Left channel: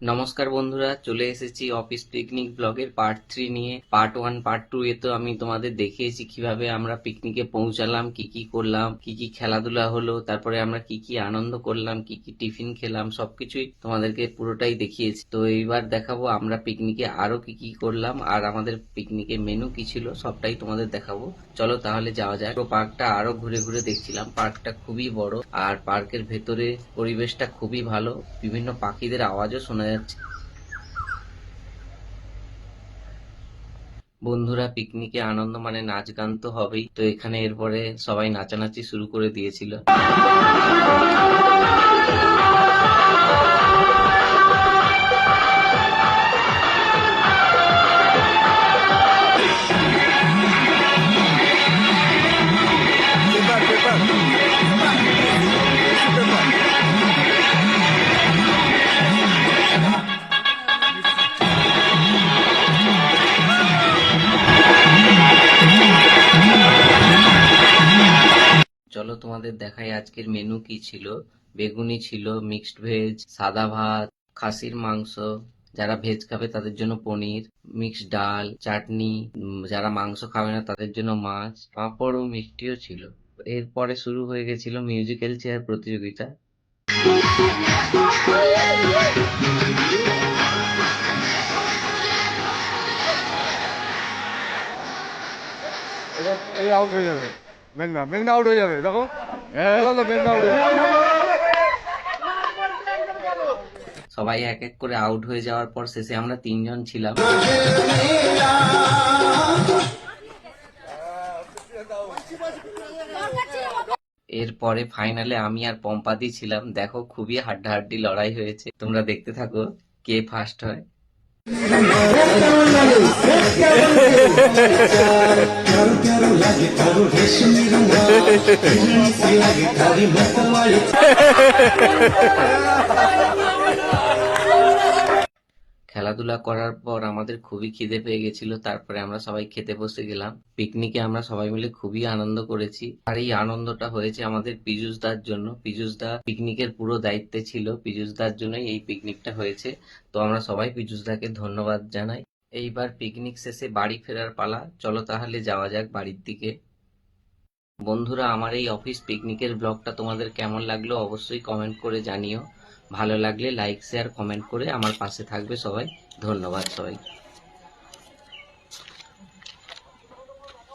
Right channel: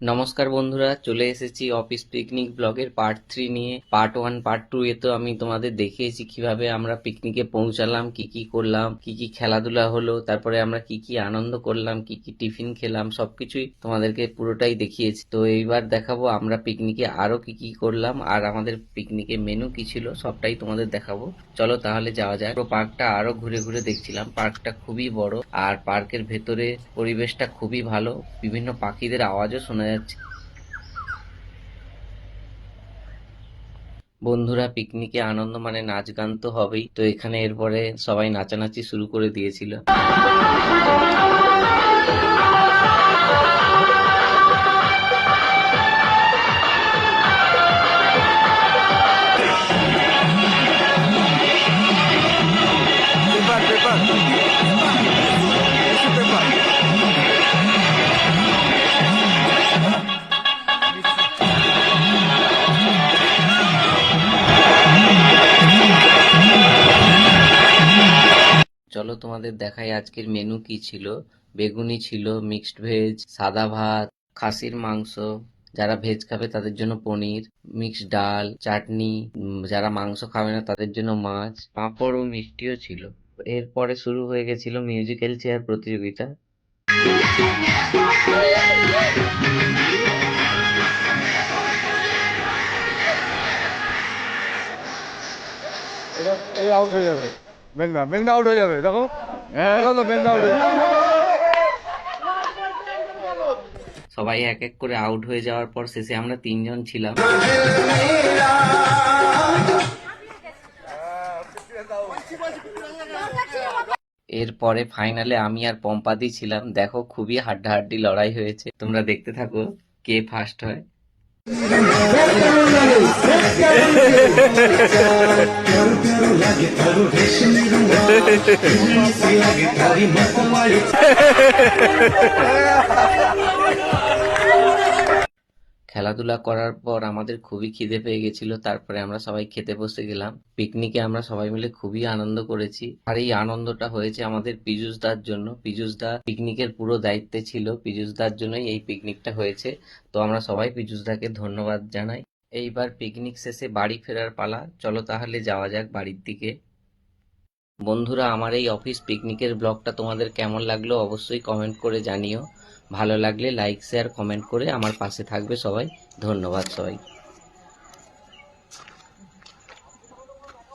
নমস্কার বন্ধুরা, চলে এসেছি অফিস পিকনিক ব্লগের পার্ট 3 নিয়ে। পার্ট 1 পার্ট 2 এ তো আমি তোমাদের দেখিয়েছি কিভাবে আমরা পিকনিকে পৌঁছালাম, কি কি করলাম, কি কি খেলাধুলা হলো, তারপরে আমরা কি কি আনন্দ করলাম, কি কি টিফিন খেলাম, সবকিছুই তোমাদেরকে পুরোটাই দেখিয়েছি। তো এইবার দেখাবো আমরা পিকনিকে আরো কি কি করলাম আর আমাদের পিকনিকে মেনু কি ছিল, সবটাই তোমাদের দেখাবো। চলো তাহলে যাওয়া যায়। পুরো পার্কটা আরো ঘুরে ঘুরে দেখছিলাম। পার্কটা খুবই বড় আর পার্কের ভেতরে পরিবেশটা খুবই ভালো, বিভিন্ন পাখিদের আওয়াজও শোনা যাচ্ছে। বন্ধুরা, পিকনিকে আনন্দ মানে নাচ গান তো হবেই, তো এখানে এরপরে সবাই নাচানাচি শুরু করে দিয়েছিল। Paper paper tissue paper. চলো তোমাদের দেখাই আজকের মেনু কি ছিল। বেগুনি ছিল, মিক্সড ভেজ, সাদা ভাত, খাসির মাংস, যারা ভেজ খাবে তাদের জন্য পনির, মিক্সড ডাল, চাটনি, যারা মাংস খাবে না তাদের জন্য মাছ, পাঁপড় ও মিষ্টিও ছিল। এরপরে শুরু হয়ে গেছিল মিউজিক্যাল চেয়ার প্রতিযোগিতা। এই আউট হয়ে যাবে, মেঘনা মেঘনা আউট হয়ে যাবে, দেখো এখন তো মেঘনা আউট হয়ে যাবে। সবাই এক এক করে আউট হয়ে যাওয়ার পর শেষে আমরা 3 জন ছিলাম। এরপরে ফাইনালে আমি আর পম্পাদি ছিলাম। দেখো খুবই হাড্ডাহাড্ডি লড়াই হয়েছে, তোমরা দেখতে থাকো কে ফার্স্ট হয়। খেলাধুলা করার পর আমাদের খুবই খিদে পেয়ে গেছিল, তারপরে আমরা সবাই খেতে বসে গেলাম। পিকনিকে আমরা সবাই মিলে খুবই আনন্দ করেছি আর এই আনন্দটা হয়েছে আমাদের পীযূষদার জন্য। পীযূষদা পিকনিকের পুরো দায়িত্বে ছিল, পীযূষদার জন্যই এই পিকনিকটা হয়েছে। তো আমরা সবাই পীযূষদাকে ধন্যবাদ জানাই। এইবার পিকনিক শেষে বাড়ি ফেরার পালা। চলো তাহলে যাওয়া যাক বাড়ির দিকে। বন্ধুরা, আমার এই অফিস পিকনিকের ব্লগটা তোমাদের কেমন লাগলো অবশ্যই কমেন্ট করে জানিও। ভালো লাগলে লাইক শেয়ার কমেন্ট করে আমার পাশে থাকবে সবাই। ধন্যবাদ সবাই।